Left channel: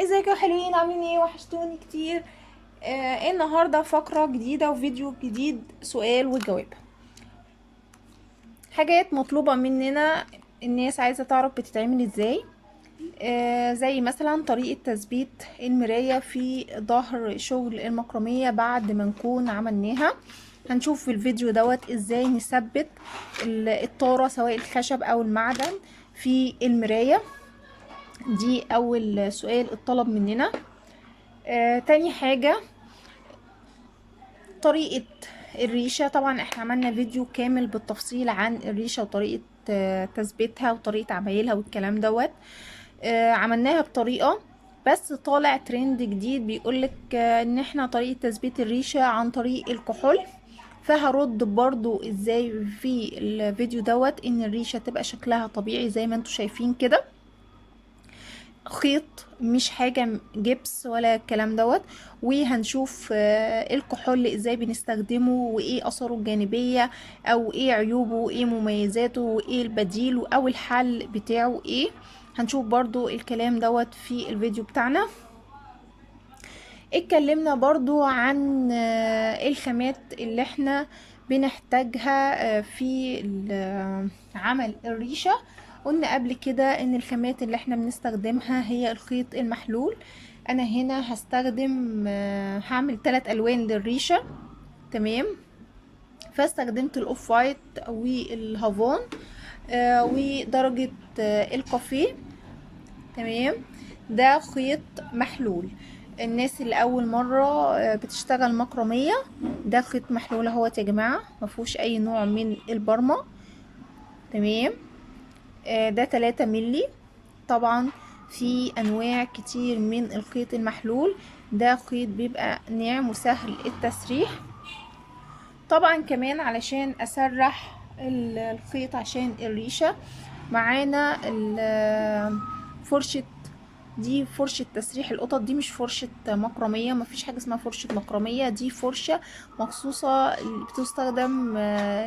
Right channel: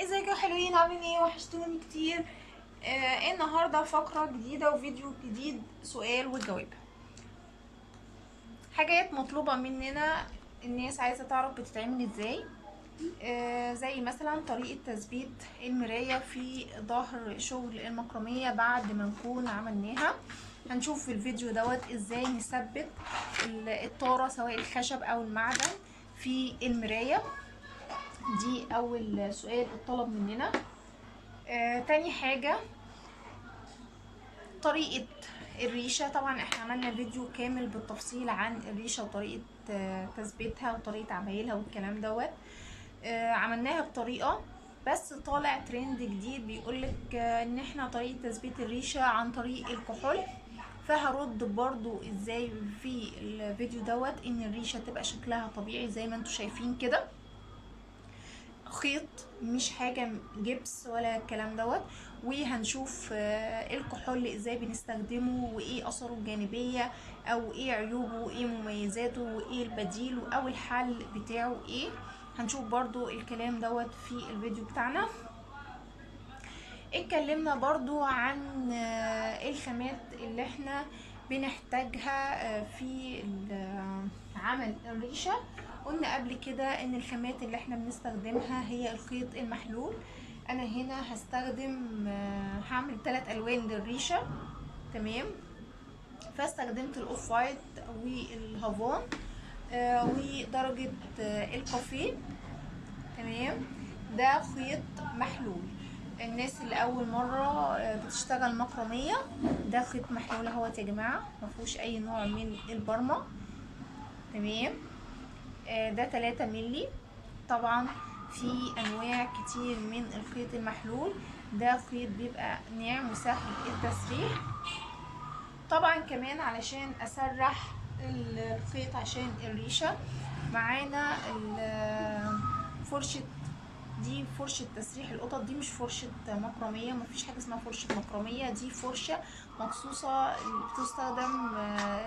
ازيكم يا حلوين؟ عاملين ايه؟ وحشتوني كتير. النهارده فقرة جديدة وفيديو جديد، سؤال وجواب. حاجات مطلوبة مننا، الناس عايزة تعرف بتتعمل ازاي. زي مثلا طريقة تثبيت المراية في ظهر شغل المكرمية بعد ما نكون عملناها. هنشوف في الفيديو دوت ازاي نثبت الطارة سواء الخشب او المعدن في المراية. دي اول سؤال اتطلب مننا. تاني حاجة طريقة الريشة. طبعا احنا عملنا فيديو كامل بالتفصيل عن الريشة وطريقة تثبيتها وطريقة عمايلها والكلام دوت. عملناها بطريقة، بس طالع ترند جديد بيقولك ان احنا طريقة تثبيت الريشة عن طريق الكحول. فهرد برضو ازاي في الفيديو دوت ان الريشة تبقى شكلها طبيعي زي ما انتوا شايفين كده، خيط مش حاجة جبس ولا الكلام دوت. وهنشوف الكحول ازاي بنستخدمه وايه اثاره الجانبية او ايه عيوبه وايه مميزاته وايه البديل او الحل بتاعه ايه. هنشوف برضو الكلام دوت في الفيديو بتاعنا. اتكلمنا برضو عن الخامات اللي احنا بنحتاجها في عمل الريشة. قلنا قبل كده ان الخامات اللي احنا بنستخدمها هي الخيط المحلول. انا هنا هستخدم هعمل 3 الوان للريشة. تمام. فاستخدمت الاوف وايت والهافون ودرجة الكافيه. تمام. ده خيط محلول. الناس اللي اول مره بتشتغل مكرميه، ده خيط محلول اهوت يا جماعه، مفهوش اي نوع من البرمه. تمام. ده 3 ملي. طبعا في انواع كتير من الخيط المحلول. ده خيط بيبقى ناعم وسهل التسريح. طبعا كمان علشان اسرح الخيط عشان الريشه معانا فرشة. دي فرشة تسريح القطط، دي مش فرشة مكرمية، مفيش حاجة اسمها فرشة مكرمية، دي فرشة مخصوصة بتستخدم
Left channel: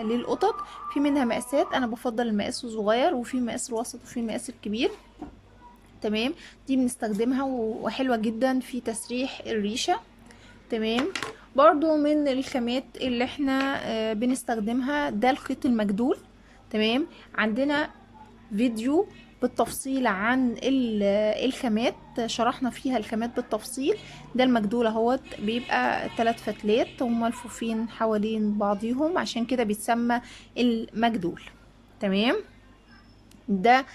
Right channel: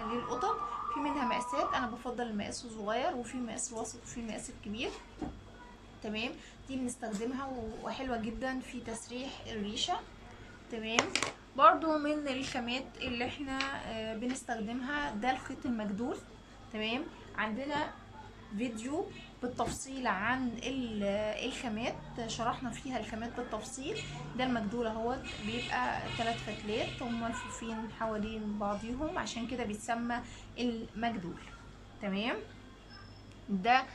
للقطط. في منها مقاسات، انا بفضل المقاس الصغير وفي مقاس الوسط وفي المقاس الكبير. تمام. دي بنستخدمها وحلوة جدا في تسريح الريشة. تمام. برضو من الخامات اللي احنا بنستخدمها ده الخيط المجدول. تمام. عندنا فيديو بالتفصيل عن الخامات، شرحنا فيها الخامات بالتفصيل. ده المجدول اهوت، بيبقى 3 فتلات وملفوفين حوالين بعضيهم، عشان كده بيتسمى المجدول. تمام. ده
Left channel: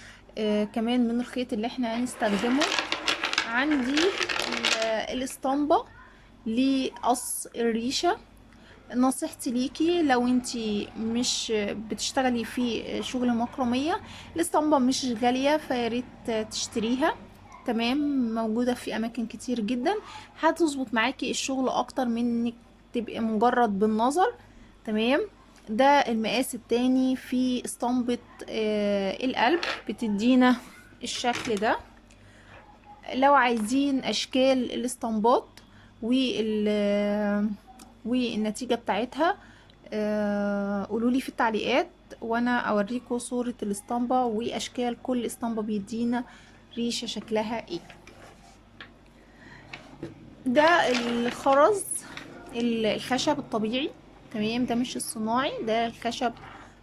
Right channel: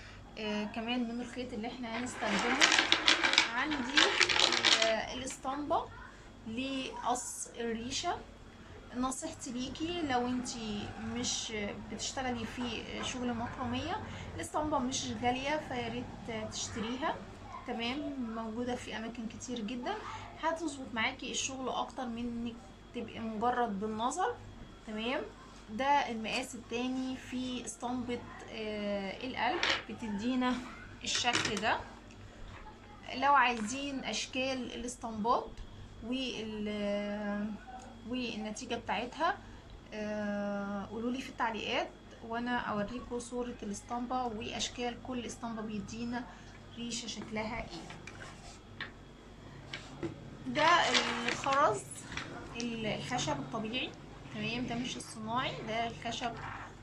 كمان من الخيط اللي احنا هنستخدمه. عندي الاسطمبة لقص الريشة. نصيحتي ليكي لو انتي مش بتشتغلي في شغل مكرمية، الاسطمبة مش غالية فياريت تشتريها. تمام. موجودة في اماكن كتير جدا، هتظبط معاكي الشغل اكتر من انك تبقي مجرد بالنظر. تمام. ده المقاس التاني في اسطمبة القلب، بتدينا الشكل ده. لو عايزين اشكال الاسطمبات والنتيجة بتاعتها قولولي في التعليقات وانا اوريكم صورة الاسطمبة واشكال كل اسطمبة بيدينا ريشة شكلها ايه. ده الخرز، الخشب الطبيعي. تمام. ده مش الصناعي، ده الخشب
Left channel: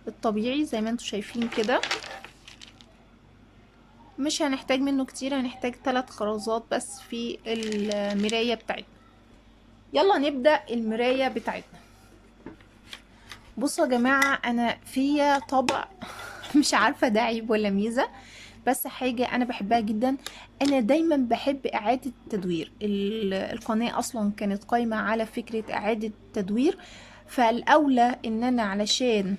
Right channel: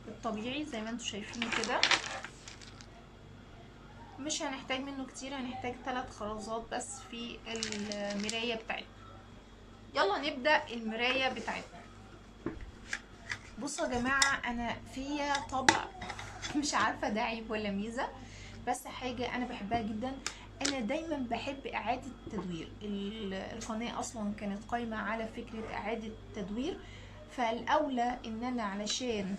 الطبيعي زي ما انتم شايفين كده. مش هنحتاج منه كتير، هنحتاج 3 خرزات بس في المراية بتاعتنا. يلا نبدأ المراية بتاعتنا. بصوا يا جماعة، انا فيا طبع مش عارفة ده عيب ولا ميزة، بس حاجة انا بحبها جدا. انا دايما بحب اعادة تدوير القناة، اصلا كانت قايمة على فكرة اعادة تدوير. فالاولى ان انا علشان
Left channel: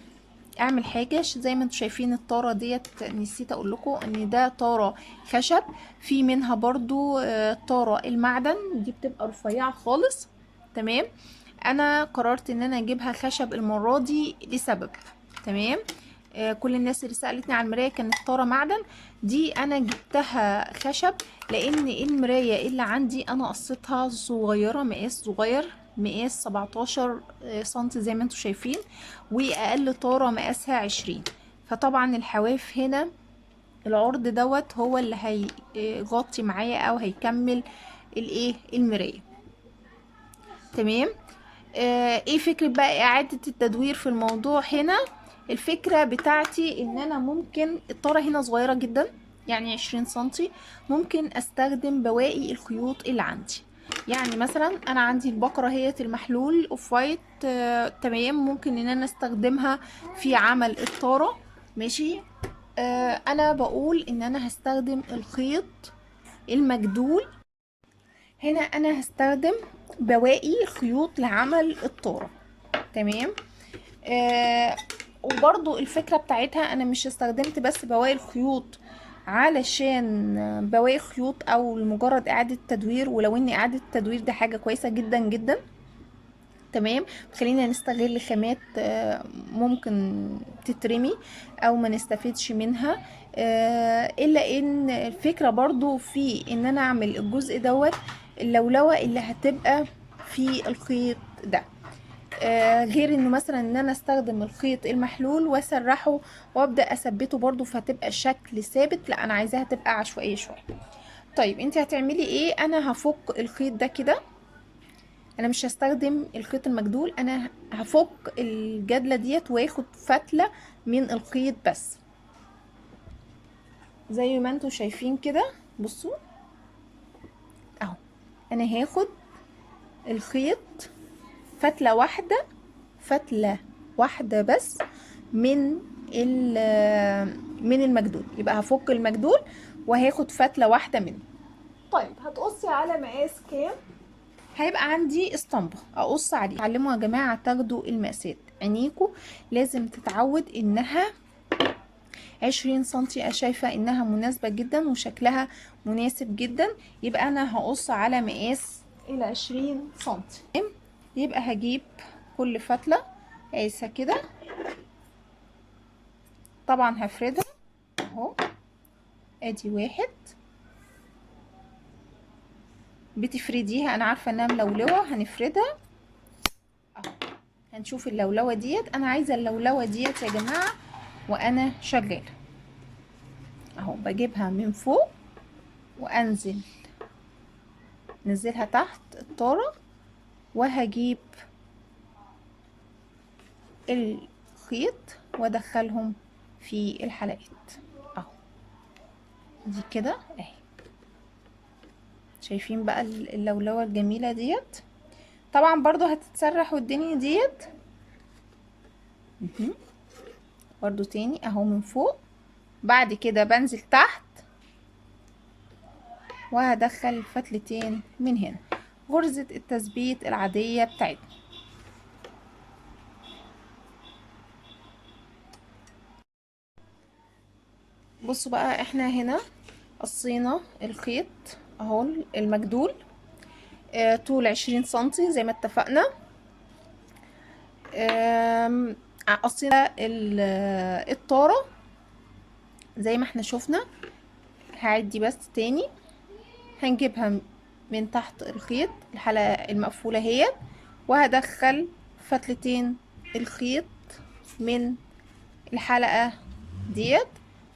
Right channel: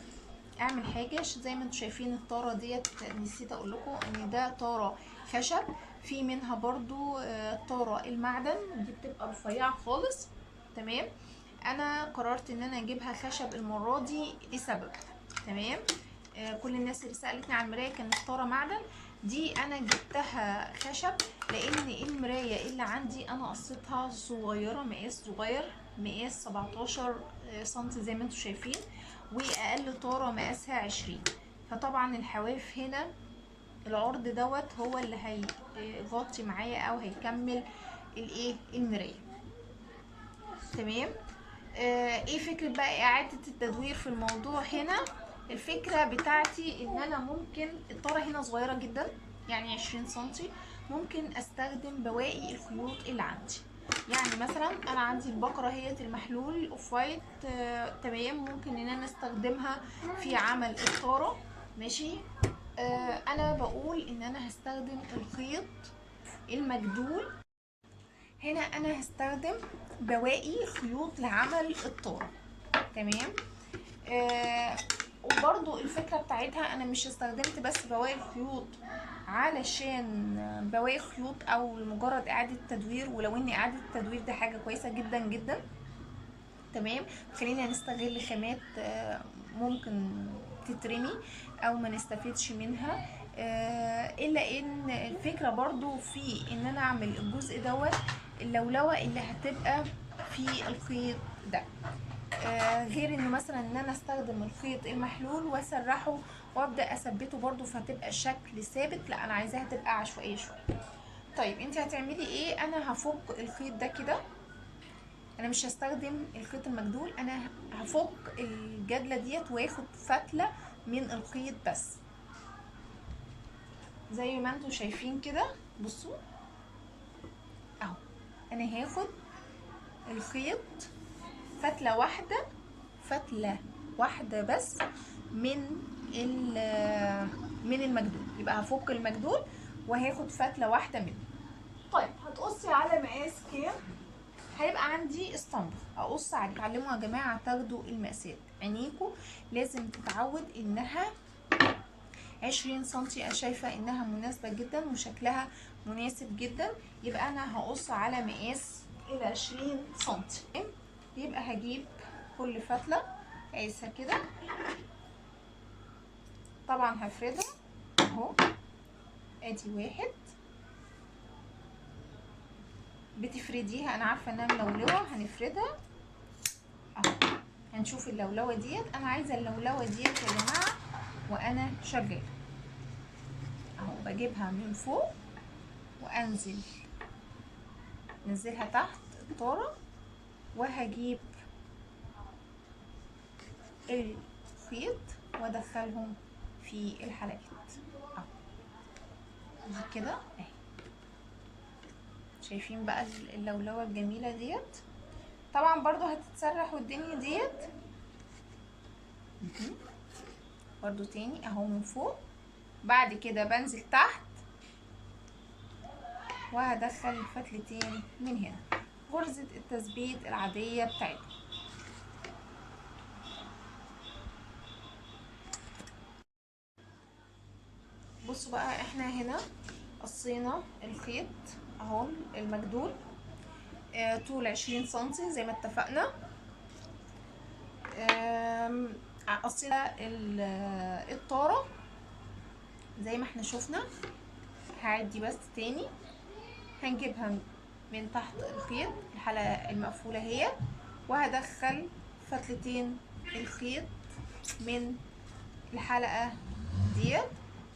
اعمل حاجة زي ما انتم شايفين الطارة ديت، نسيت اقول لكم ان ده طارة خشب. في منها برضو طارة المعدن، دي بتبقى رفيعة خالص. تمام. انا قررت ان انا اجيبها خشب المرة دي لسبب. تمام. كل الناس اللي سألتني عن المراية كانت طارة معدن، دي انا جبتها خشب لان المراية اللي عندي انا قصتها صغيرة، مقاس صغير، مقاس 17 سنتي زي ما انتم شايفين، واقل طارة مقاسها 20. فطبعا الحواف هنا العرض دوت هو اللي هيغطي معايا او هيكمل المراية. تمام. ايه فكرة بقى اعادة التدوير في الموضوع هنا؟ الفكرة بتاعتي ان انا ممكن الطارة هنا صغيرة جدا، يعني 20 سنتي، ممكن استخدم بواقي الخيوط اللي عندي. يعني مثلا انا عندي البقرة هي المحلول اوف وايت، تمام، ممكن ان انا استخدمها في عمل الطارة. ماشي. انا بقول ان انا هستخدم الخيط المجدول. هنا انا هستخدم بواقي خيوط لعمل الطارة. تمام. وبرضو الفكرة بتاعتها انا مش استخدمت بس بواقي الخيوط علشان بواقي خيوط او لمجرد اعادة تدوير، ولو ان اعادة التدوير ده حاجة كويسة جدا جدا. تمام. خلينا نستغل خامات ممكن تترمي او ما نستفيدش منها. الا ان الفكرة برضو في ان انا اعمل الجزء دوت اللولوة اللي هتبقى في الخيط ده. غير انه مثلا ان انا استخدم الخيط المحلول واسرحه وابدا اثبته برضو فهتبقى الشكل ثابت، لا انا عايزاها تبقى عشوائيه شويه. طيب انت هتعملي ايه؟ انا هفك الخيط ده كده، انا مش هستخدم الخيط المجدول، انا هفك الجدله ديت واخد فتله من الخيط بس زي ما انتم شايفين كده. بصوا اهو، انا هاخد الخيط فتله واحده، فتله واحده بس من من المجدول، يبقى هفك المجدول وهاخد فتله واحده منه. طيب هتقصي على مقاس كام؟ هيبقى عندي اسطمبة اقص عليه. اتعلموا يا جماعة تاخدوا المقاسات، عينيكوا لازم تتعود انها 20 سنتي. انا شايفة انها مناسبة جدا وشكلها مناسب جدا، يبقى انا هقص على مقاس 20 سنتي. يبقى هجيب كل فتلة قايسة كده، طبعا هفردها اهو، ادي واحد. بتفرديها، انا عارفة انها ملولوة، هنفردها اهو. هنشوف اللولوة ديت، انا عايزة اللولوة ديت يا جماعة وانا شغالة اهو. بجيبها من فوق وانزل، نزلها تحت الطارة، وهجيب الخيط وادخلهم في الحلقات اهو. دي كده اهي، شايفين بقى اللولوة الجميلة ديت؟ طبعا برضو هتتسرح والدنيا ديت برضو تاني اهو من فوق. بعد كده بنزل تحت وهدخل فتلتين من هنا، غرزة التثبيت العادية بتاعتنا. بصوا بقى، احنا هنا قصينا الخيط اهو المجدول طول 20 سنتي زي ما اتفقنا. قصينا الطارة زي ما احنا شفنا. هعدي بس تاني، هنجيبها من تحت الخيط الحلقة المقفولة هي، وهدخل فتلتين الخيط من الحلقة ديت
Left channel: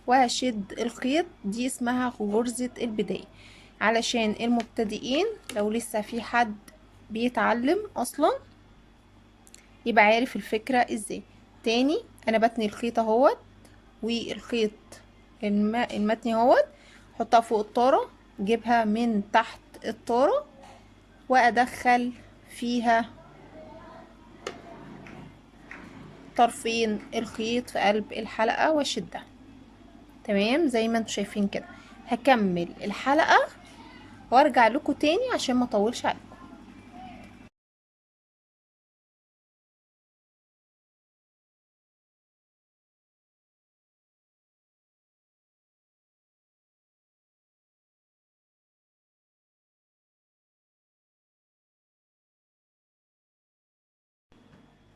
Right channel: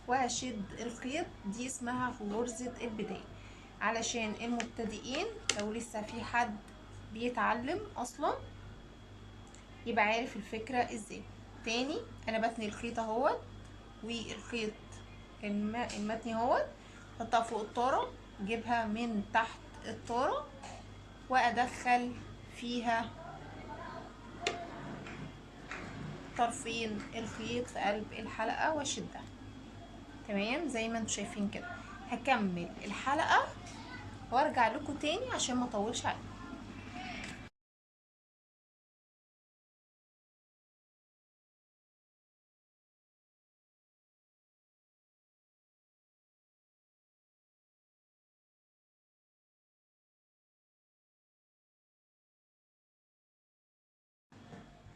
وهشد الخيط. دي اسمها غرزة البداية، علشان المبتدئين لو لسه في حد بيتعلم اصلا يبقى عارف الفكرة ازاي. تاني انا بتني الخيط اهوت، والخيط المتني اهوت احطها فوق الطارة، جيبها من تحت الطارة وادخل فيها طرفين الخيط في قلب الحلقة واشدها. تمام زي ما انتم شايفين كده. هكمل الحلقة وارجع لكم تاني عشان ما اطولش عليكم.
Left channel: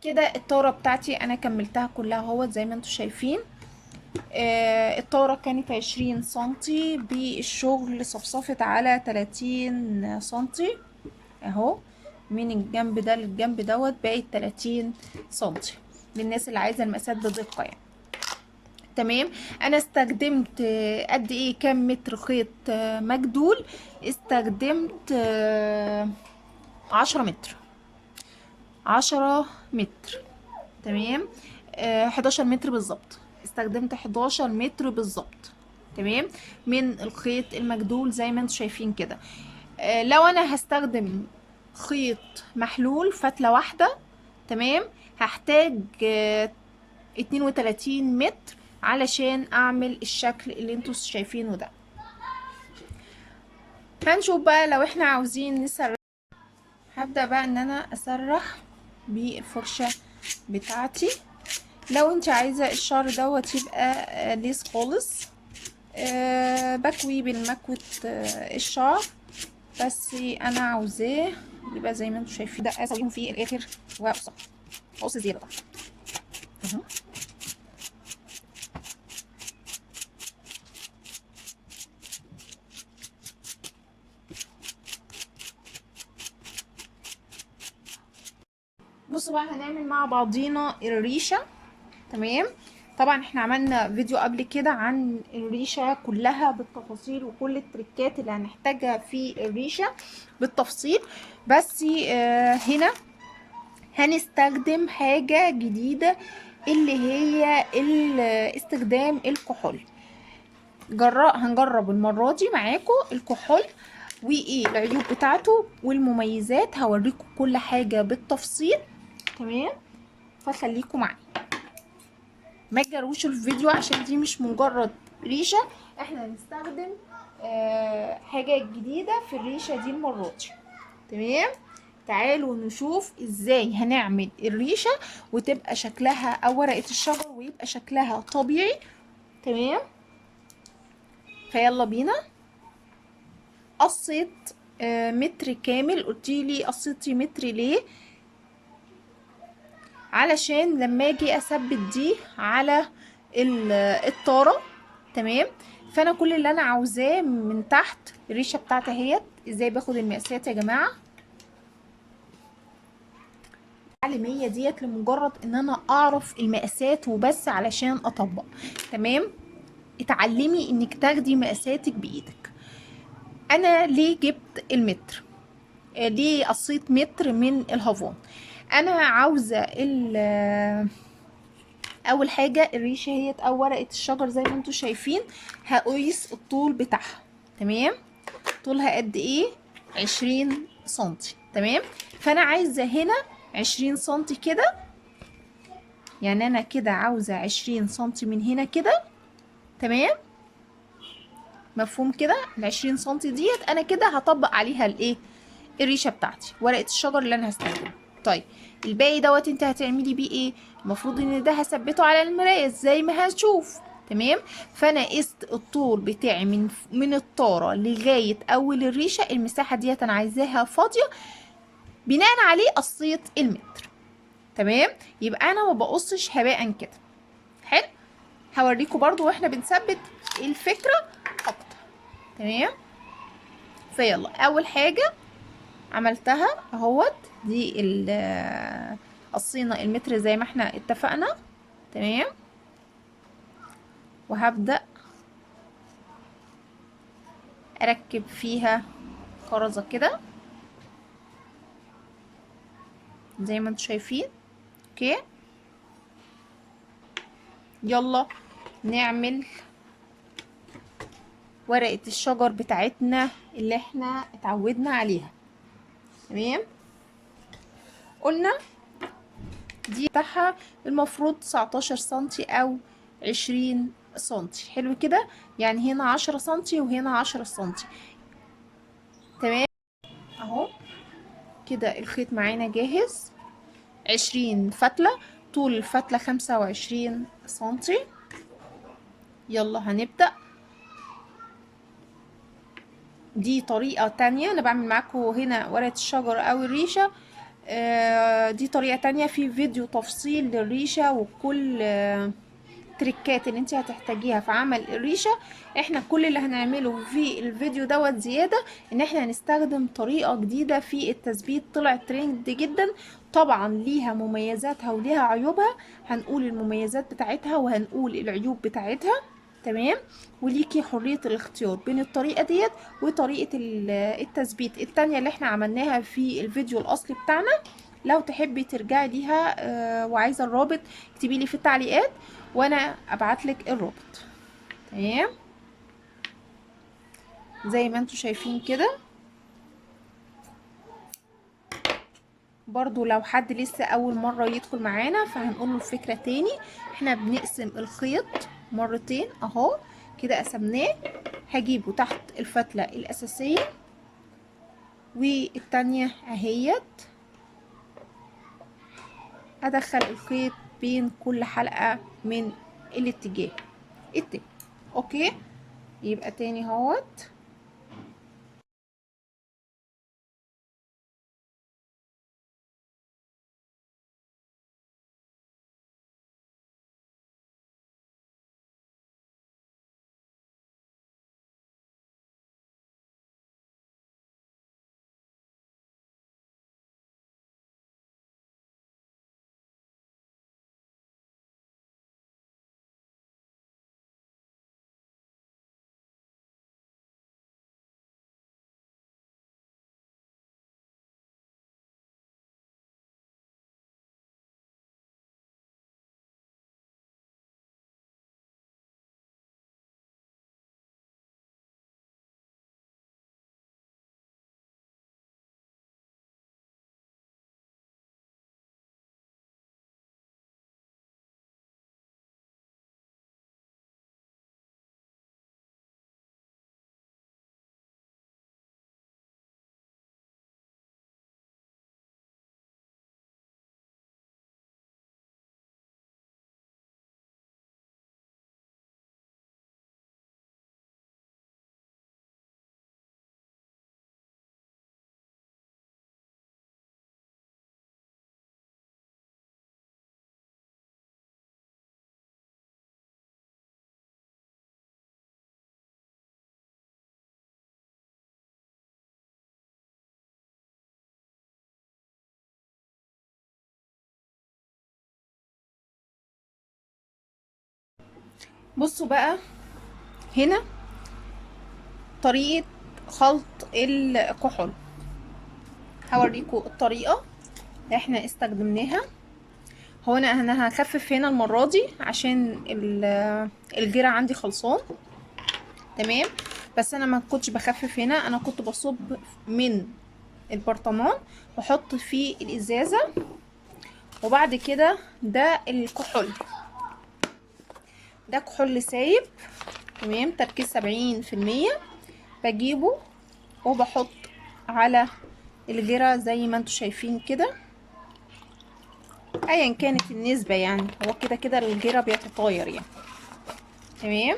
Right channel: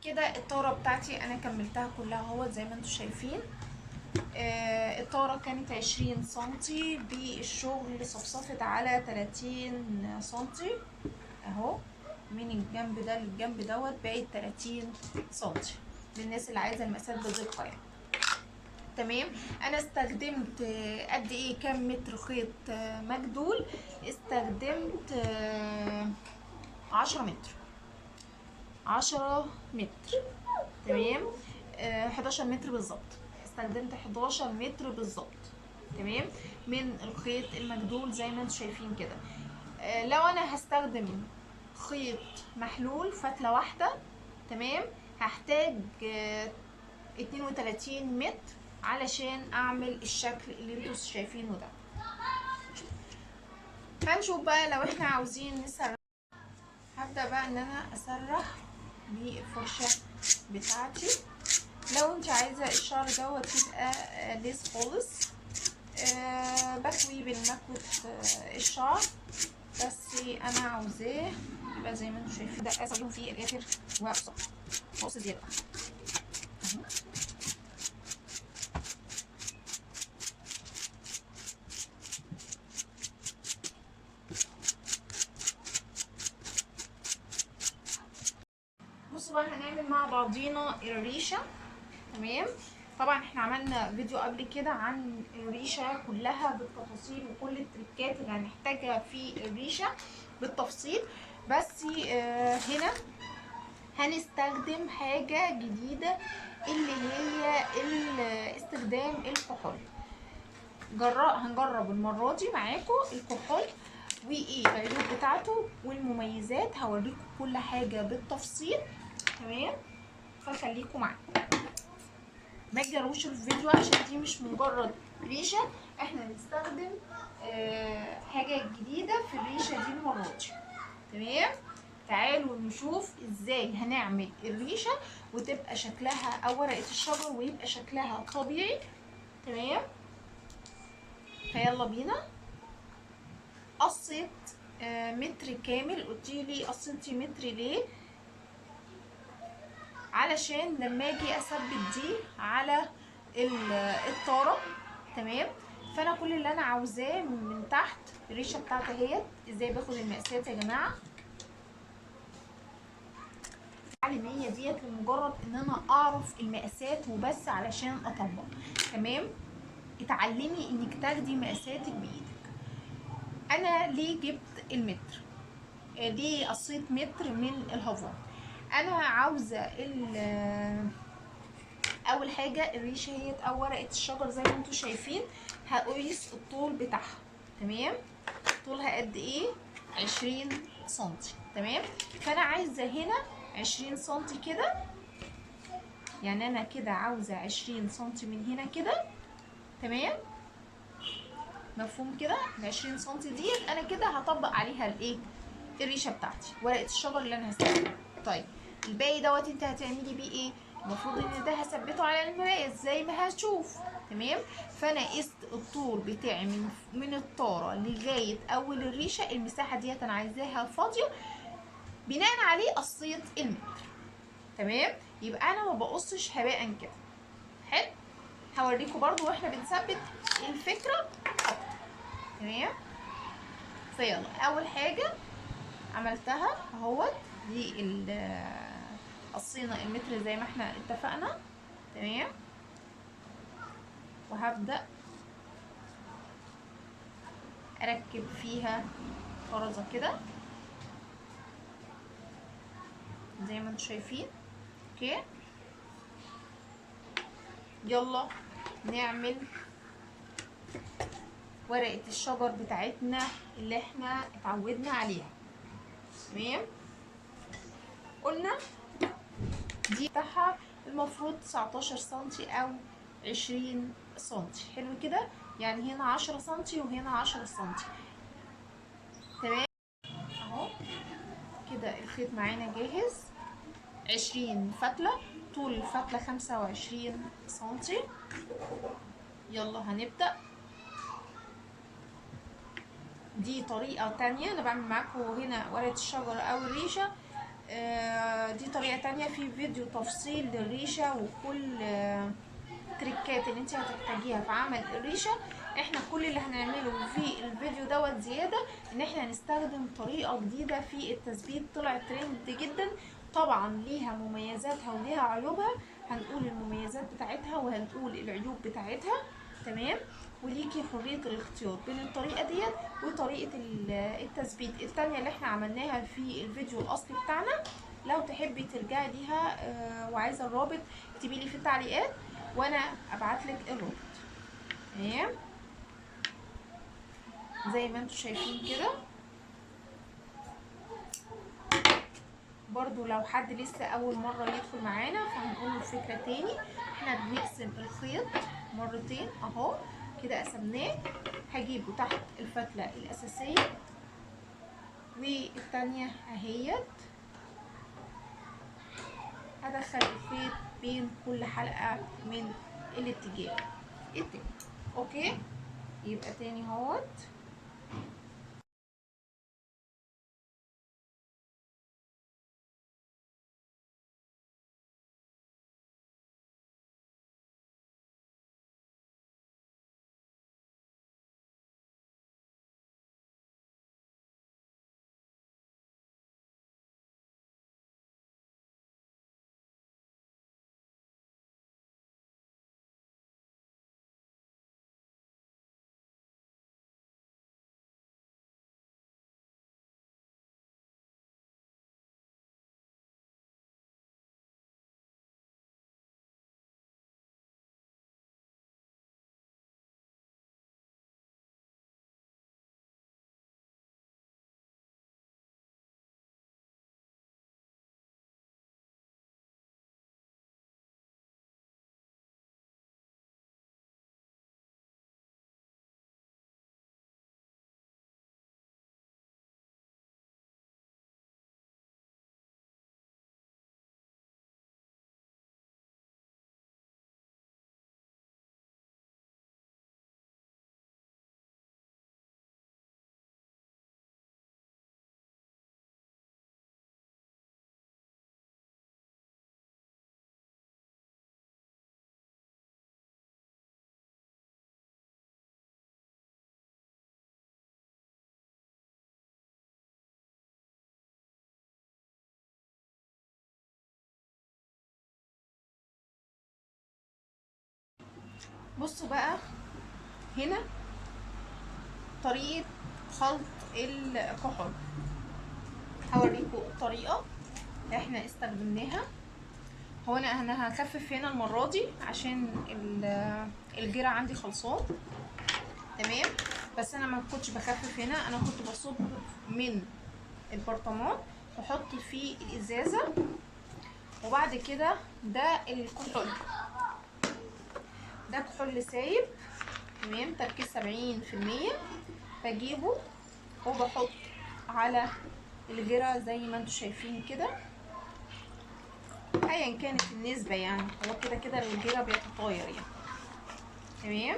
كده الطارة بتاعتي انا كملتها كلها اهوت زي ما انتم شايفين. الطارة كانت 20 سنتي، بالشغل صفصفت على 30 سنتي اهو. من الجنب ده للجنب دوت بقت 30 سنتي للناس اللي عايزة المقاسات بدقة يعني. تمام. انا استخدمت قد ايه، كام متر خيط مجدول؟ استخدمت 10 متر، 10 متر. تمام. 11 متر بالظبط، استخدمت 11 متر بالظبط. تمام. من الخيط المجدول زي ما انتم شايفين كده. لو انا هستخدم خيط محلول فتلة واحدة، تمام، هحتاج 32 متر علشان اعمل الشكل اللي انتوا شايفينه ده. هنشوف بقى لو احنا عاوزين نسرح. هبدأ بقى ان انا اسرح بالفرشة بتاعتي. لو انت عايزة الشعر دوت يبقى ليس خالص، بكوي بالمكوة الشعر، بس انا عاوزاه يبقى زي ما انتوا شايفين. ده اسويهم في الاخر واقصى، قص زيادة. بصوا بقى، هنعمل مع بعضينا الريشة. تمام. طبعا احنا عملنا فيديو قبل كده عن الريشة كلها بالتفاصيل، وكل التريكات اللي هنحتاجها في الريشة بالتفصيل. بس هنا هنستخدم حاجة جديدة، اللي هي استخدام الكحول. هنجرب المرة دي معاكم الكحول وايه العيوب بتاعته والمميزات، هوريكم كل حاجة بالتفصيل. تمام. فخليكم معايا، ما تجروش الفيديو عشان دي مش مجرد ريشة، احنا هنستخدم حاجة جديدة في الريشة دي المرة دي. تمام. تعالوا نشوف ازاي هنعمل الريشة وتبقى شكلها او ورقة الشجر ويبقى شكلها طبيعي. تمام. فيلا بينا. قصيت متر كامل. قلتيلي قصيتي متر ليه؟ علشان لما اجي اثبت دي على الطاره. تمام. فانا كل اللي انا عاوزاه من تحت الريشه بتاعتي اهيت. ازاي باخد المقاسات يا جماعه؟ التعليميه ديت لمجرد ان انا اعرف المقاسات وبس علشان اطبق. تمام. اتعلمي انك تاخدي مقاساتك بايدك. انا ليه جبت المتر؟ ليه قصيت متر من الهافون؟ انا عاوزه اول حاجه الريشه هي او ورقه الشجر زي ما انتم شايفين. هقيس الطول بتاعها. تمام. طولها قد ايه؟ 20 سنتي. تمام. فانا عايزه هنا 20 سنتي كده، يعني انا كده عاوزه 20 سنتي من هنا كده. تمام. مفهوم كده؟ ال 20 سنتي ديت انا كده هطبق عليها الايه؟ الريشه بتاعتي، ورقه الشجر اللي انا هستخدمها. طيب الباقي دوت انت هتعملي بيه ايه؟ المفروض ان ده هثبته على المرايه زي ما هنشوف. تمام. فانا قست الطول بتاعي من الطاره لغايه اول الريشه. المساحه ديت انا عايزاها فاضيه، بناء عليه قصيت المتر. تمام. يبقى انا ما بقصش هباء كده. حلو. هوريكم برضو واحنا بنثبت الفكره اكتر. تمام. فيلا اول حاجه عملتها اهوت، دي قصينا المتر زي ما احنا اتفقنا. تمام. وهبدأ اركب فيها خرزة كده زي ما انتم شايفين. اوكي. يلا نعمل ورقة الشجر بتاعتنا اللي احنا اتعودنا عليها. تمام. قلنا دي بتاعها المفروض 19 سنتي او 20 سنتي. حلو كده. يعني هنا 10 سنتي وهنا 10 سنتي. تمام. اهو كده الخيط معانا جاهز. 20 فتلة، طول الفتلة 25 سنتي. يلا هنبدأ. دي طريقة تانية انا بعمل معاكم هنا ورقة الشجر او الريشة. دي طريقة تانية في فيديو تفصيل للريشة وكل تريكات اللي انت هتحتاجيها في عمل الريشة. احنا كل اللي هنعمله في الفيديو دوت زيادة ان احنا هنستخدم طريقة جديدة في التثبيت، طلعت ترند جدا. طبعا ليها مميزاتها وليها عيوبها، هنقول المميزات بتاعتها وهنقول العيوب بتاعتها. تمام. وليكي حرية الاختيار بين الطريقة ديت وطريقة التثبيت التانية اللي احنا عملناها في الفيديو الاصلي بتاعنا. لو تحبي ترجعي ليها وعايزة الرابط اكتبي لي في التعليقات وانا ابعتلك الرابط. تمام. زي ما انتوا شايفين كده. برضو لو حد لسه اول مرة يدخل معانا فهنقوله الفكرة تاني. احنا بنقسم الخيط مرتين اهو كده، قسمناه. هجيبه تحت الفتلة الاساسية والتانية اهيت، ادخل الخيط بين كل حلقة من الاتجاه التاني. اوكي، يبقى تاني اهوت. بصوا بقى هنا طريقة خلط الكحول. هوريكم الطريقة اللي احنا استخدمناها. هو انا هخفف هنا المرة دي عشان الجرع عندي خلصان. تمام. بس انا ما كنتش بخفف هنا، انا كنت بصب من البرطمان واحط فيه الازازة، وبعد كده ده الكحول، ده كحول سايب. تمام. تركيز 70%. بجيبه وبحط على الجرة زي ما انتوا شايفين كده، ايا كانت النسبة يعني، هو كده كده الجرة بيتطاير يعني. تمام.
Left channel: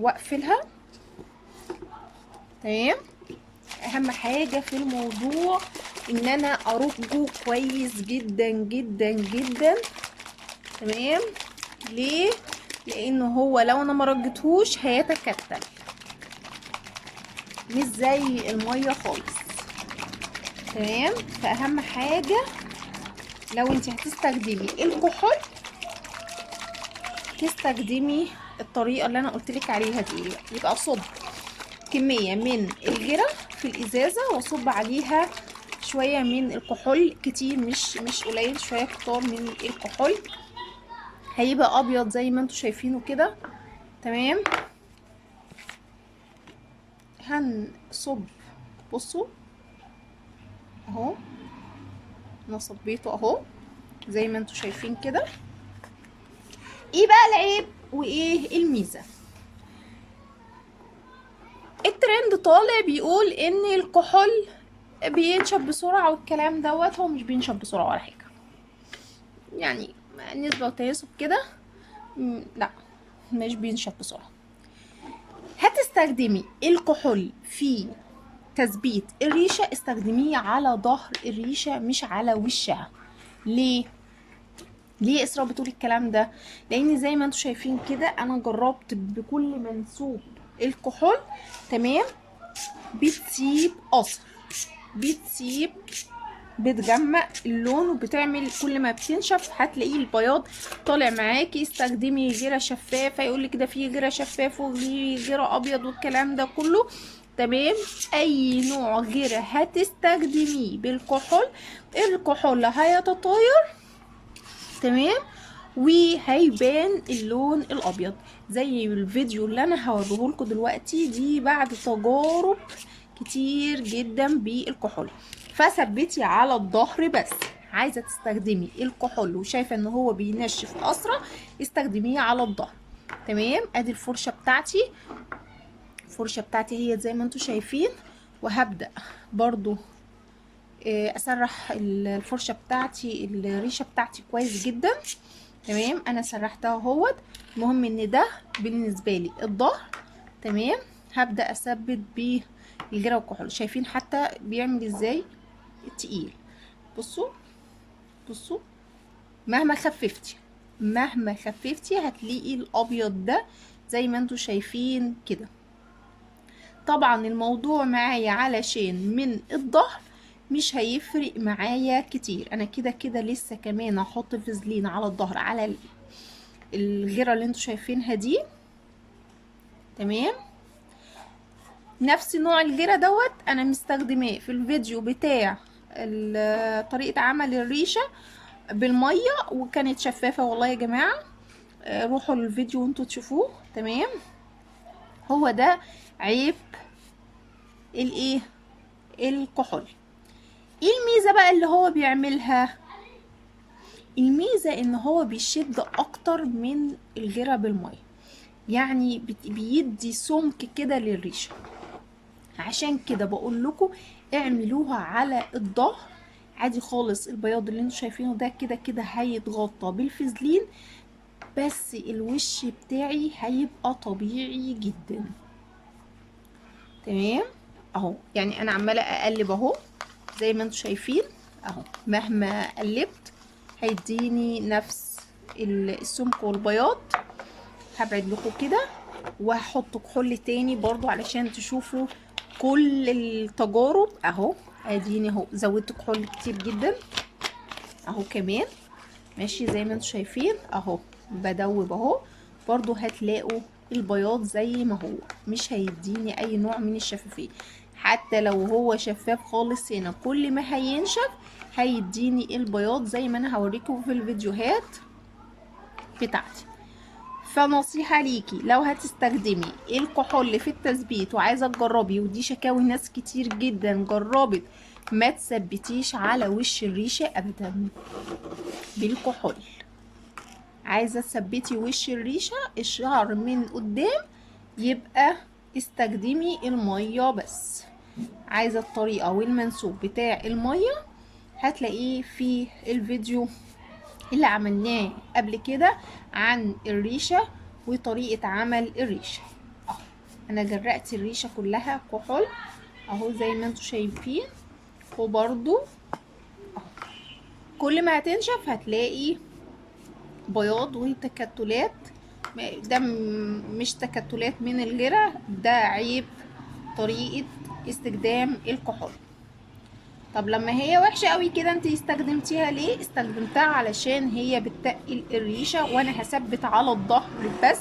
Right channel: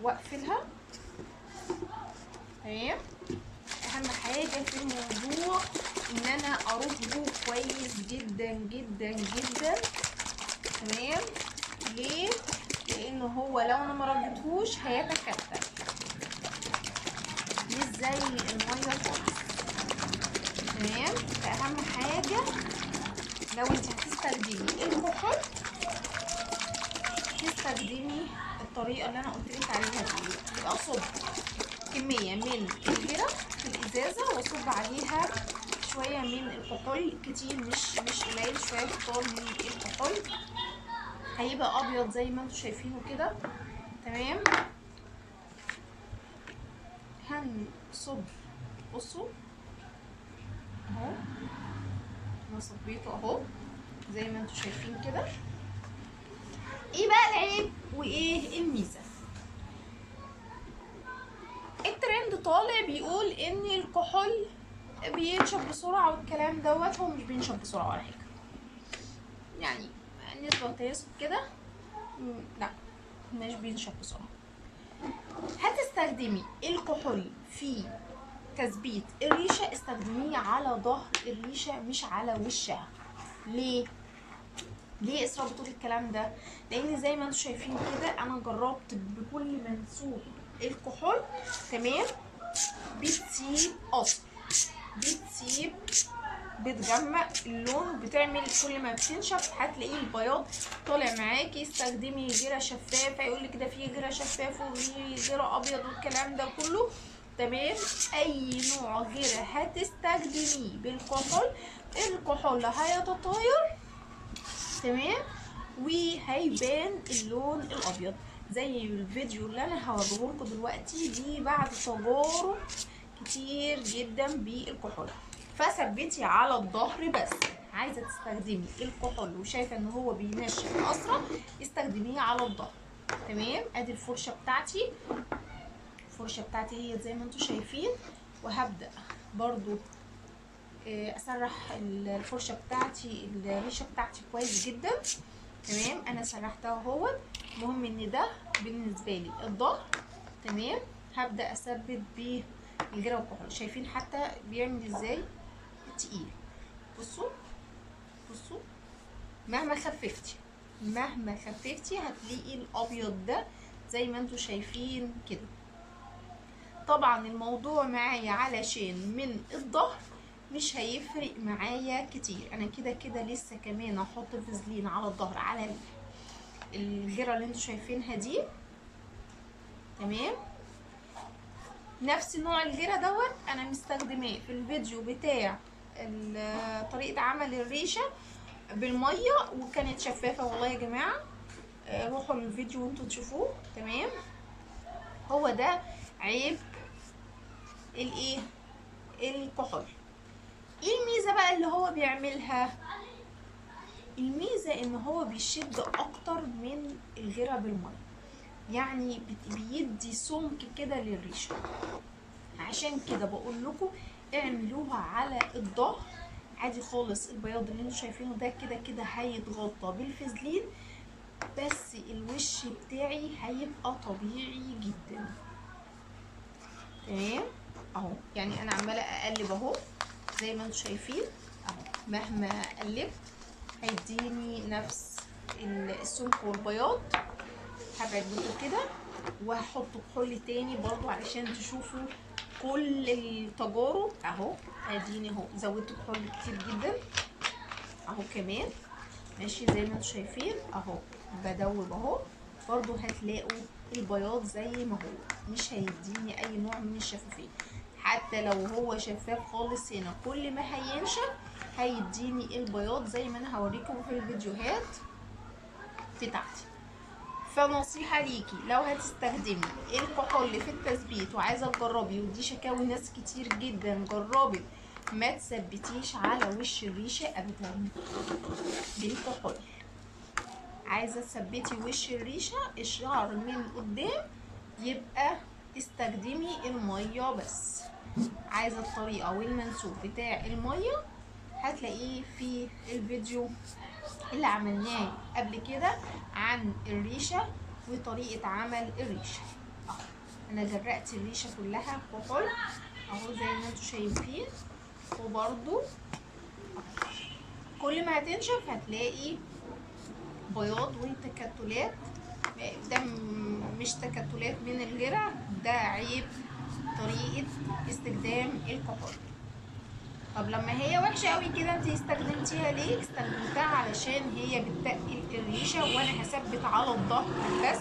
واقفلها. تمام. اهم حاجة في الموضوع ان انا ارجه كويس جدا جدا جدا. تمام. ليه؟ لانه هو لو انا مرجتهوش هيتكتل مش زي المية خالص. تمام. فاهم حاجة لو انت هتستخدمي الكحول تستخدمي الطريقة اللي انا قلتلك عليها دي. يبقى صب كمية من الجرة في الازازة واصب عليها شوية من الكحول كتير، مش قليل، شوية كتار من الكحول. هيبقى ابيض زي ما انتوا شايفينه كده. تمام. هنصب. بصوا اهو، انا صبيته اهو زي ما انتوا شايفين كده. ايه بقى العيب وايه الميزه؟ الترند طالع بيقول ان الكحول بينشف بسرعه والكلام دوت. هو مش بينشف بسرعه ولا حاجه يعني، نسبه وتناسب كده. لا، مش بينشف بسرعه. هتستخدمي الكحول في تثبيت الريشه، استخدميه على ظهر الريشه مش على وشها. ليه؟ ليه اسراء بتقول الكلام ده؟ لان زي ما انتم شايفين كده انا جربت بكل منسوب الكحول، تمام، بتسيب اثر، بتسيب، بتغمق اللون وبتعمل، كل ما بتنشف هتلاقيه البياض طالع معاكي. استخدمي جرة شفافه، يقولك ده فيه جرة شفاف وفيه جرة ابيض والكلام ده كله، تمام. اي نوع جرة هتستخدميه بالكحول، الكحول هيتطاير، تمام، وهيبان اللون الابيض. زي الفيديو اللي انا هوريه لكم دلوقتي دي بعد تجارب كتير جدا بالكحول. فثبتي على الظهر بس. عايزه تستخدمي الكحول وشايفه ان هو بينشف اسرع، استخدميه على الظهر، تمام. ادي الفرشه بتاعتي، الفرشه بتاعتي هي زي ما انتم شايفين. وهبدا برضو اسرح الفرشه بتاعتي، الريشه بتاعتي كويس جدا، تمام. انا سرحتها اهوت. المهم ان ده بالنسبه لي الظهر، تمام. هبدا اثبت بالجرة والكحول، شايفين حتى بيعمل ازاي تقيل. بصوا بصوا، مهما خففتي، مهما خففتي هتلاقي الابيض ده زي ما انتوا شايفين كده. طبعا الموضوع معايا علشان من الظهر مش هيفرق معايا كتير. انا كده كده لسه كمان هحط فازلين على الظهر على الغيره اللي انتوا شايفينها دي، تمام. نفس نوع الجيرة دوت انا مستخدماه في الفيديو بتاع طريقة عمل الريشة بالمية، وكانت شفافة والله يا جماعة. روحوا للفيديو وانتوا تشوفوه، تمام. هو ده عيب الايه، الكحول. ايه الميزة بقى اللي هو بيعملها؟ الميزة ان هو بيشد اكتر من الجيرة بالمية، يعني بيدي سمك كده للريشة. عشان كده بقول لكم اعملوها على الظهر عادي خالص. البياض اللي انتوا شايفينه ده كده كده هيتغطى بالفازلين، بس الوش بتاعي هيبقى طبيعي جدا، تمام. اهو يعني انا عماله اقلب اهو زي ما انتوا شايفين اهو، مهما قلبت هيديني نفس السمك والبياض. هبعد لكم كده وهحط كحول تاني برضو علشان تشوفوا كل التجارب. اهو اديني اهو زودت كحول كتير جدا اهو كمان، ماشي زي ما انتم شايفين اهو. بدوب اهو برضو هتلاقوا البياض زي ما هو، مش هيديني اي نوع من الشفافية. حتى لو هو شفاف خالص هنا، كل ما هينشف هيديني البياض زي ما انا هوريكم في الفيديوهات بتاعتي. فنصيحة ليكي لو هتستخدمي الكحول في التثبيت وعايزة تجربي، ودي شكاوي ناس كتير جدا جربت، ما تثبتيش على وش الريشة ابدا بالكحول. عايزة تثبتي وش الريشة الشعر من قدام، يبقى استخدمي المية بس. عايزة الطريقة والمنسوب بتاع المية هتلاقيه في الفيديو اللي عملناه قبل كده عن الريشة وطريقة عمل الريشة. اهو انا جرأت الريشة كلها كحول اهو زي ما انتوا شايفين. وبرضو كل ما هتنشف هتلاقي بياض وتكتلات. ده مش تكتلات من الجرة، ده عيب طريقة استخدام الكحول. طب لما هي وحشة قوي كده انت استخدمتيها ليه؟ استخدمتها علشان هي بتقل الريشة، وانا هثبت على الظهر بس،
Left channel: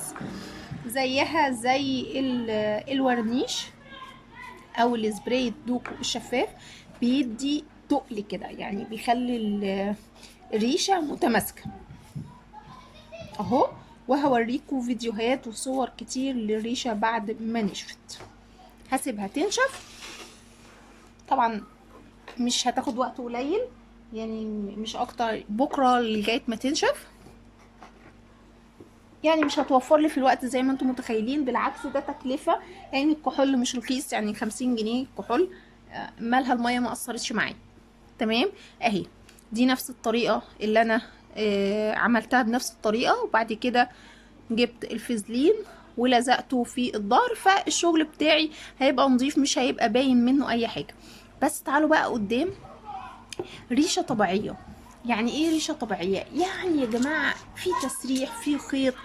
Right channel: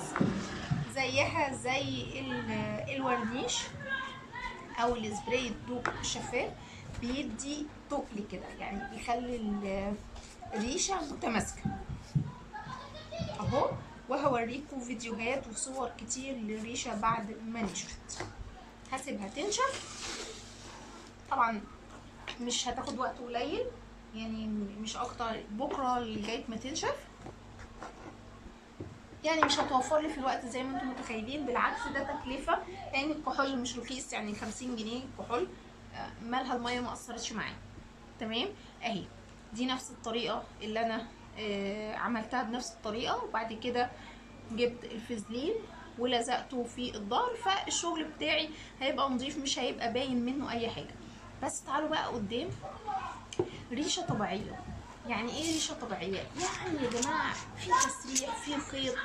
زيها زي الورنيش او السبراي الدوب الشفاف، بيدي تقل كده، يعني بيخلي الريشة متماسكة اهو. وهوريكم فيديوهات وصور كتير للريشة بعد ما نشفت. هسيبها تنشف، طبعا مش هتاخد وقت قليل، يعني مش اكتر، بكره لغايه ما تنشف. يعني مش هتوفر لي في الوقت زي ما انتم متخيلين، بالعكس ده تكلفه، يعني الكحول مش رخيص، يعني 50 جنيه كحول. مالها الميه ما اثرتش معايا، تمام. اهي دي نفس الطريقه اللي انا عملتها بنفس الطريقه، وبعد كده جبت الفازلين ولزقته في الظهر، فالشغل بتاعي هيبقى نظيف، مش هيبقى باين منه اي حاجه. بس تعالوا بقى قدام، ريشه طبيعيه يعني ايه ريشه طبيعيه؟ يعني يا جماعه في تسريح، في خيط،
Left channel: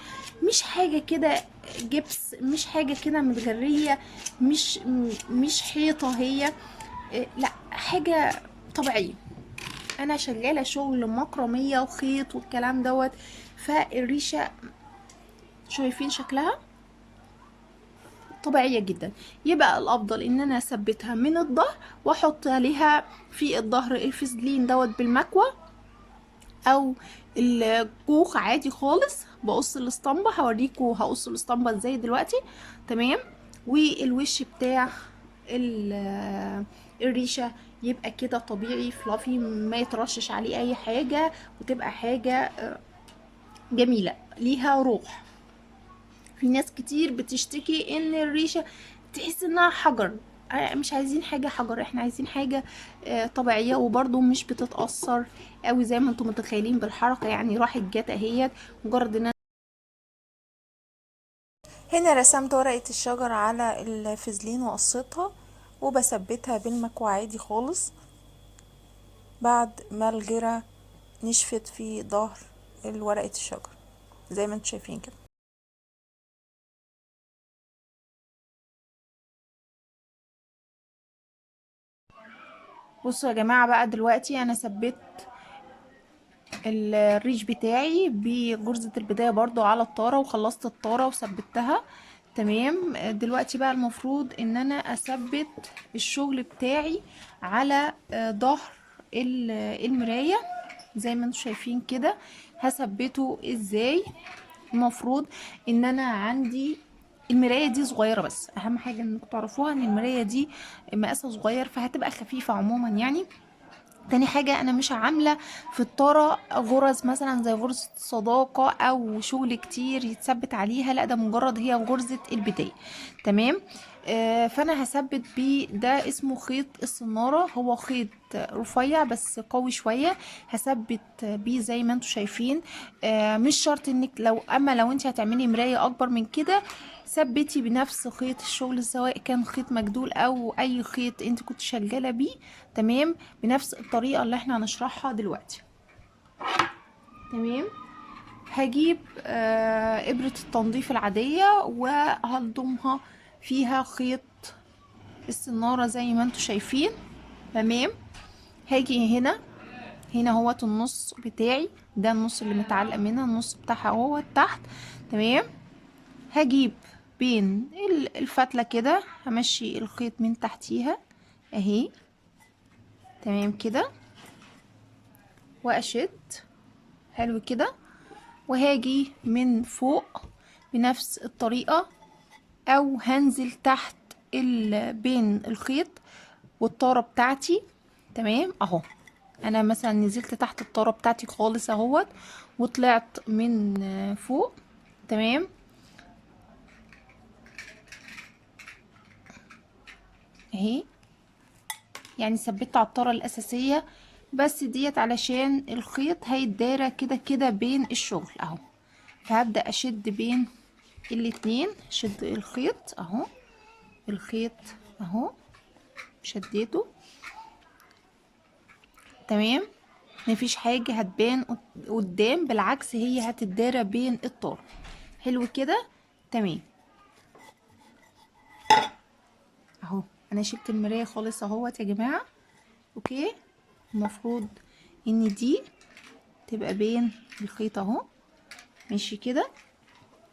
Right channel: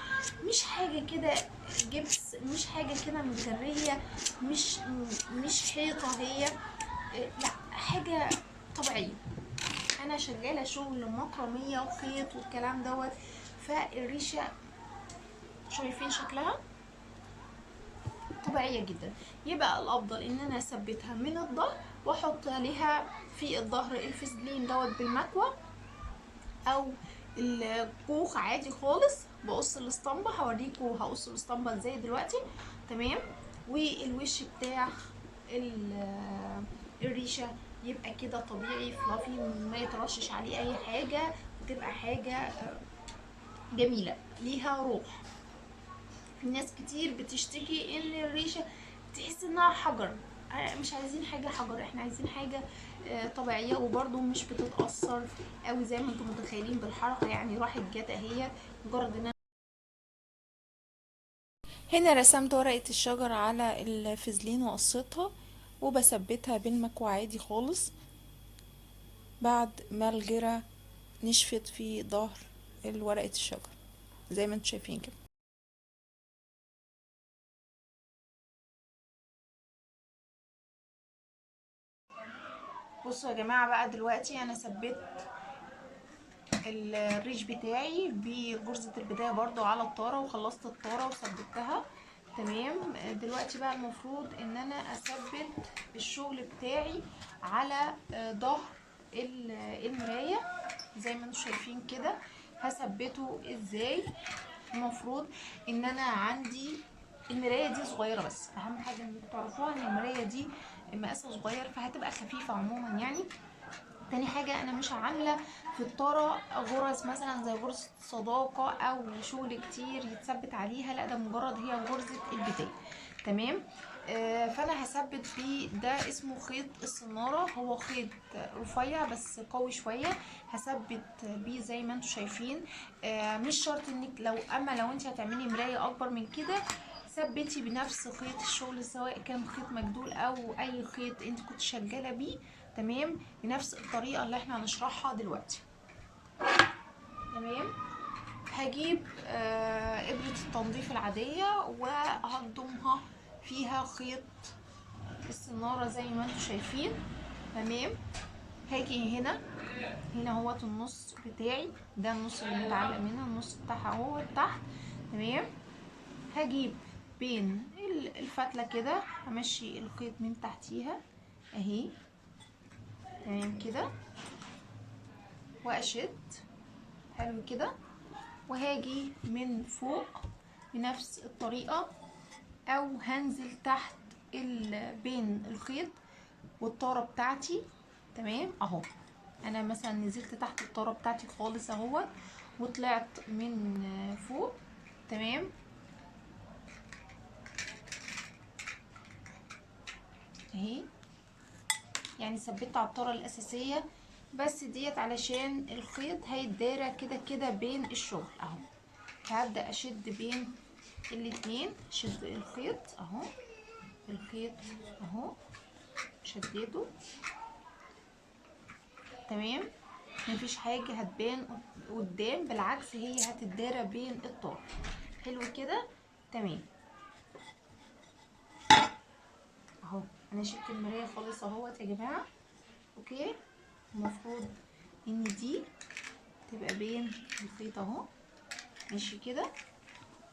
مش حاجه كده جبس، مش حاجه كده متغريه، مش حيطه هي، لا حاجه طبيعيه. انا شغاله شغل مكرميه وخيط والكلام دوت، فالريشه شايفين شكلها طبيعيه جدا. يبقى الافضل ان انا اثبتها من الظهر واحط عليها في الظهر الفازلين دوت بالمكوى، او الكوخ عادي خالص. بقص الاسطمبه، هوريكم هقص الاسطمبه ازاي دلوقتي. تمام. والوش بتاع الريشه يبقى كده طبيعي فلافي، ما يترشش عليه اي حاجه، وتبقى حاجه جميله ليها روح. في ناس كتير بتشتكي ان الريشه تحس انها حجر. مش عايزين حاجه حجر، احنا عايزين حاجه طبيعيه، وبرده مش بتتاثر قوي زي ما انتم متخيلين بالحركه. يعني راحت جت اهيت، مجرد ان هنا رسمت ورقة الشجر على الفازلين وقصيتها وبثبتها بالمكوى عادي خالص بعد ما الجرة نشفت في ظهر ورقة الشجر زي ما انتم شايفين كده. بصوا يا جماعة بقى، دلوقتي انا ثبت الريش بتاعي بجرزة البداية برضو على الطارة، وخلصت الطارة وثبتها. تمام. دلوقتي بقى المفروض ان انا اثبت الشغل بتاعي على ظهر المراية زي ما انتم شايفين كده. هثبته ازاي؟ المفروض ان انا عندي المرايه دي صغيره، بس اهم حاجه انكم تعرفوها ان المرايه دي مقاسها صغير، فهتبقى خفيفه عموما يعني. تاني حاجة أنا مش عاملة في الطارة غرز مثلا زي غرزة صداقة أو شغل كتير يتثبت عليها، لا ده مجرد هي غرزة البداية. تمام. فأنا هثبت بيه، ده اسمه خيط السنارة، هو خيط رفيع بس قوي شوية. هثبت بيه زي ما انتوا شايفين. مش شرط انك لو انت هتعملي مراية أكبر من كده ثبتي بنفس خيط الشغل، سواء كان خيط مجدول او اي خيط انت كنت شغاله بيه. تمام. بنفس الطريقه اللي احنا هنشرحها دلوقتي. تمام. هجيب ابره التنظيف العاديه وهلضمها فيها خيط السناره زي ما انتم شايفين. تمام. هاجي هنا هوت النص بتاعي، ده النص اللي متعلق منها، النص بتاعها هو تحت. تمام. هجيب بين الفتلة كده، همشي الخيط من تحتيها اهي. تمام كده. واشد حلو كده. وهاجي من فوق بنفس الطريقة، او هنزل تحت بين الخيط والطارة بتاعتي. تمام اهو. انا مثلا نزلت تحت الطارة بتاعتي خالص اهوت، وطلعت من فوق. تمام. اهي يعني ثبت على الطاره الاساسيه، بس ديت علشان الخيط هيتدارى كده كده بين الشغل اهو. فهبدا اشد بين الاتنين، شد الخيط اهو، الخيط اهو شديته. تمام. مفيش حاجه هتبان قدام، بالعكس هي هتتدارى بين الطار. حلو كده. تمام اهو. انا شلت المرايه خالص اهوت يا جماعه. اوكي. المفروض ان دي تبقى بين الخيط اهو، ماشي كده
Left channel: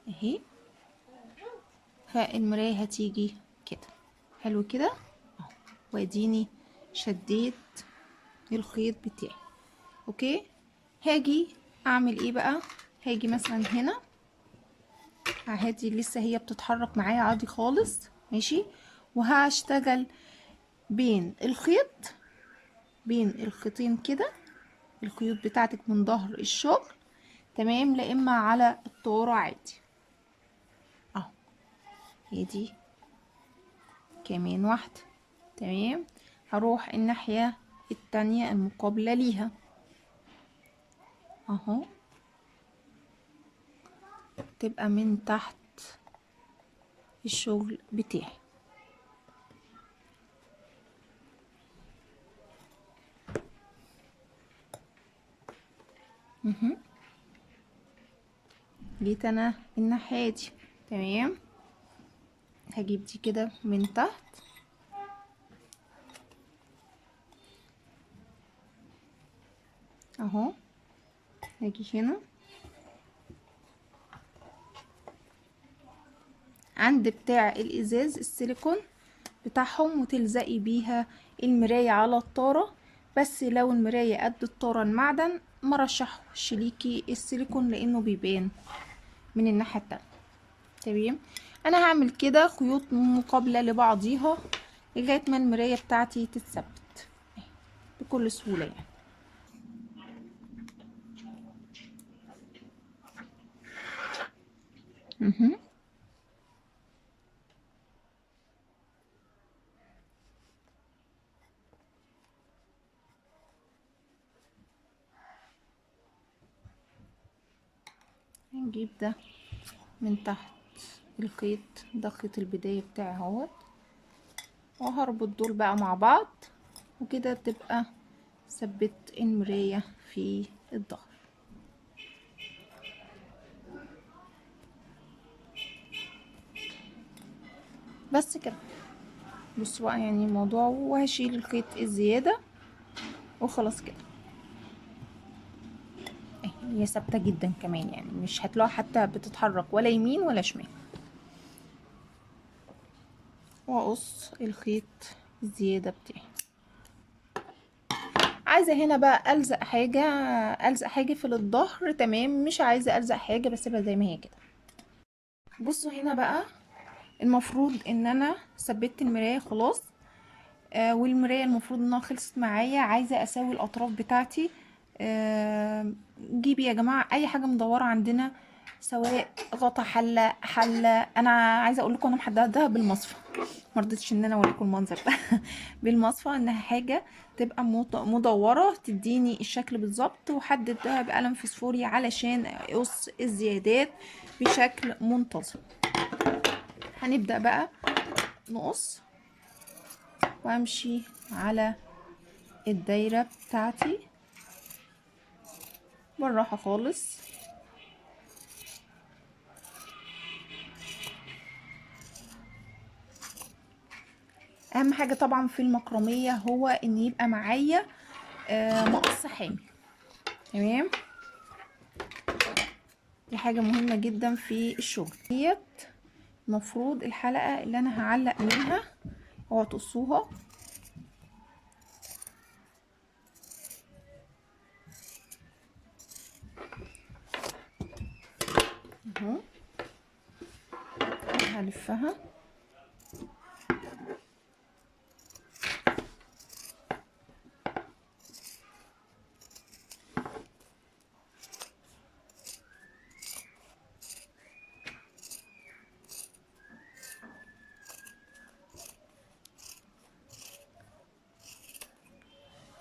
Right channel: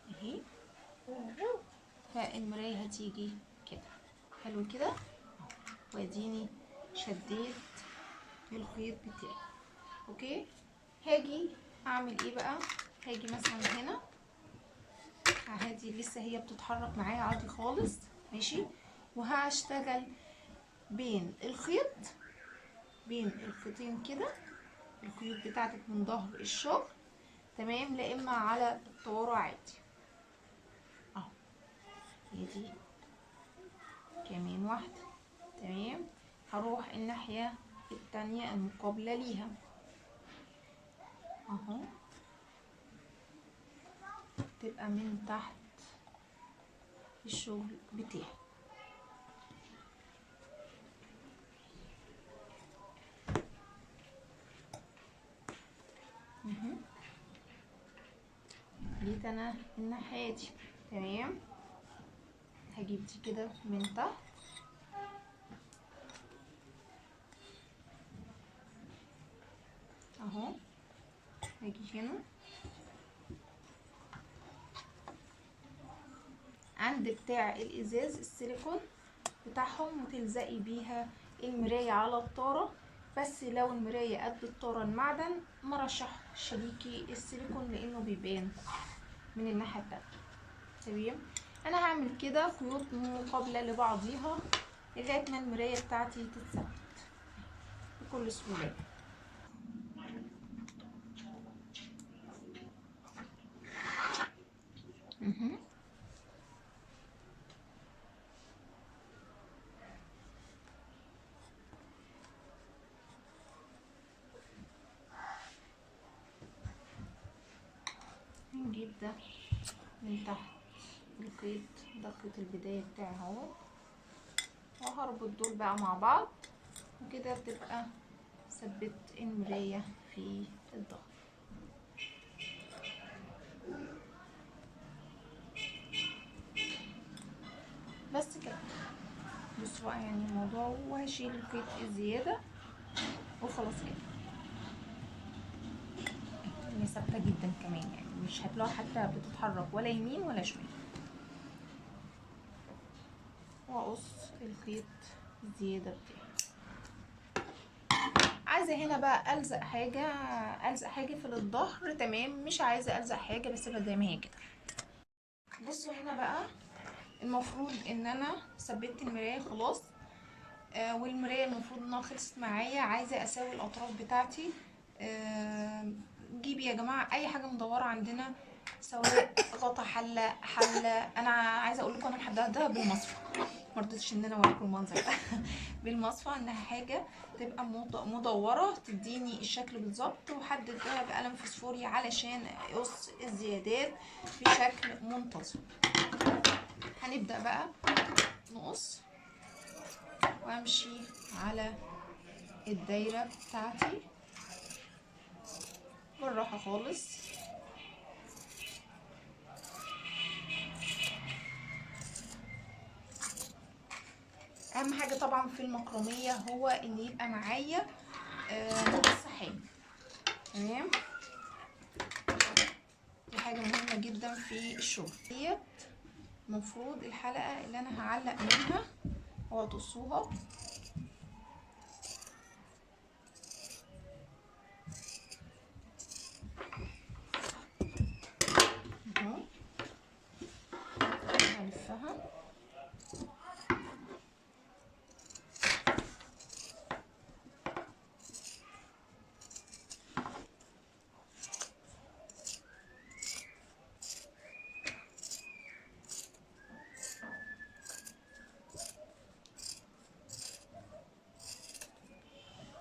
اهي. فالمراية هتيجي كده حلو كده اهو. واديني شديت الخيط بتاعي. اوكي. هاجي اعمل ايه بقى؟ هاجي مثلا هنا هادي، لسه هي بتتحرك معايا عادي خالص، ماشي. وهشتغل بين الخيط، بين الخيطين كده، الخيوط بتاعتك من ظهر الشغل. تمام. لا اما على الطاره عادي اهو. ادي كمان واحده. تمام. هروح الناحيه التانية المقابله ليها اهو، تبقى من تحت الشغل بتاعي. مهم. جيت انا الناحية دي. تمام، هجيب دي كده من تحت اهو، هاجي هنا عند بتاع الازاز السيليكون بتاعهم وتلزقي بيها المراية على الطارة. بس لو المراية قد الطارة المعدن ما رشحش ليكي السيليكون لانه بيبان من الناحية التانية. تمام، انا هعمل كده خيوط مقابلة لبعضيها لغاية ما المراية بتاعتي تتثبت بكل سهولة. مهم. هنجيب ده من تحت الخيط، ده خيط البداية بتاعي اهوت، وهربط دول بقى مع بعض وكده تبقى ثبت المراية في الظهر. بس كده، بصوا بقى يعني الموضوع، وهشيل الخيط الزيادة وخلاص كده. هي ثابتة جدا كمان، يعني مش هتلاقوا حتى بتتحرك ولا يمين ولا شمال. واقص الخيط الزيادة بتاعي. عايزة هنا بقى ألزق حاجة، ألزق حاجة في الظهر. تمام، مش عايزة ألزق حاجة بسيبها زي ما هي كده. بصوا هنا بقى، المفروض ان انا ثبت المراية خلاص. والمراية المفروض انها خلصت معايا. عايزة اساوي الاطراف بتاعتي. جيبي يا جماعة اي حاجة مدورة عندنا، سواء غطا، حلة. انا عايزة اقول لكم انا محددها بالمصفى، مرضتش ان انا اوريكم المنظر ده بالمصفى، انها حاجة تبقى مدورة تديني الشكل بالظبط، وحددها بقلم فسفوري علشان اقص الزيادات بشكل منتظم. هنبدأ بقى نقص وامشي على الدايرة بتاعتي بالراحة خالص. اهم حاجة طبعا في المكرمية هو ان يبقى معايا مقص حامل. تمام، دي حاجة مهمة جدا في الشغل. ديت المفروض الحلقة اللي انا هعلق منها، اوعوا تقصوها. اهو هلفها.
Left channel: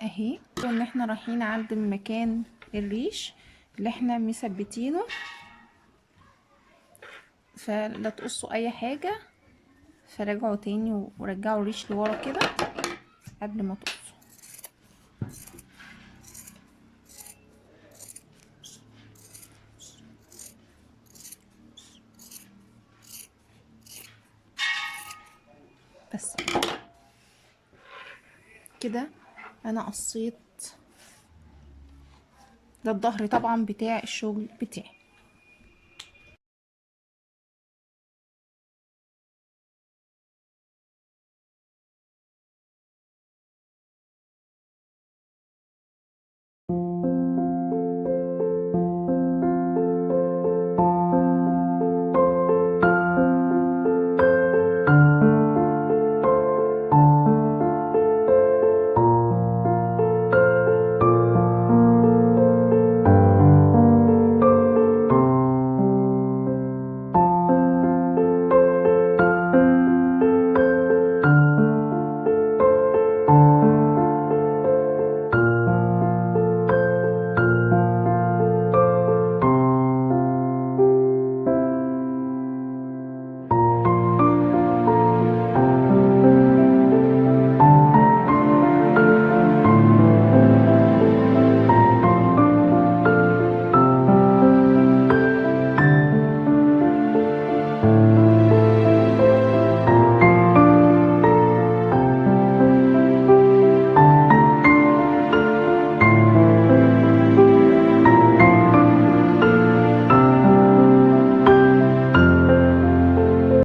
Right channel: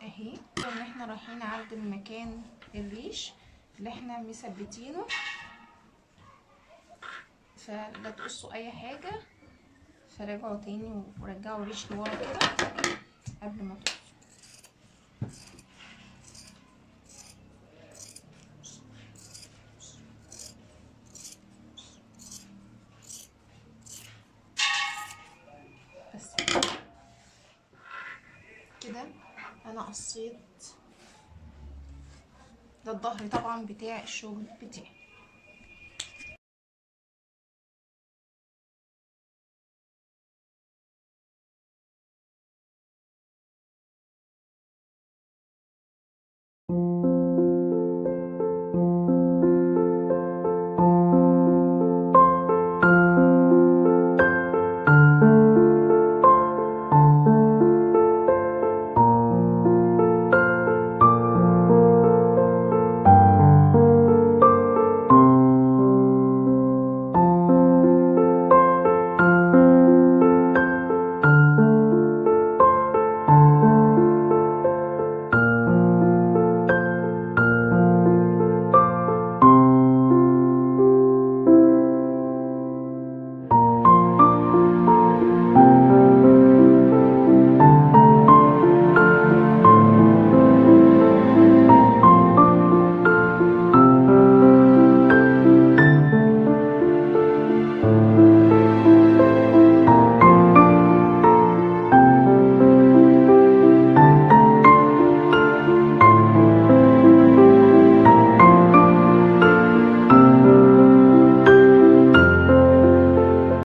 اهي، ان احنا رايحين عند المكان الريش اللي احنا مثبتينه، فلا تقصوا اي حاجة. فراجعوا تاني ورجعوا الريش لورا كده قبل ما تقصوا. بس كده انا قصيت. ده الظهر طبعا بتاع الشغل بتاعي.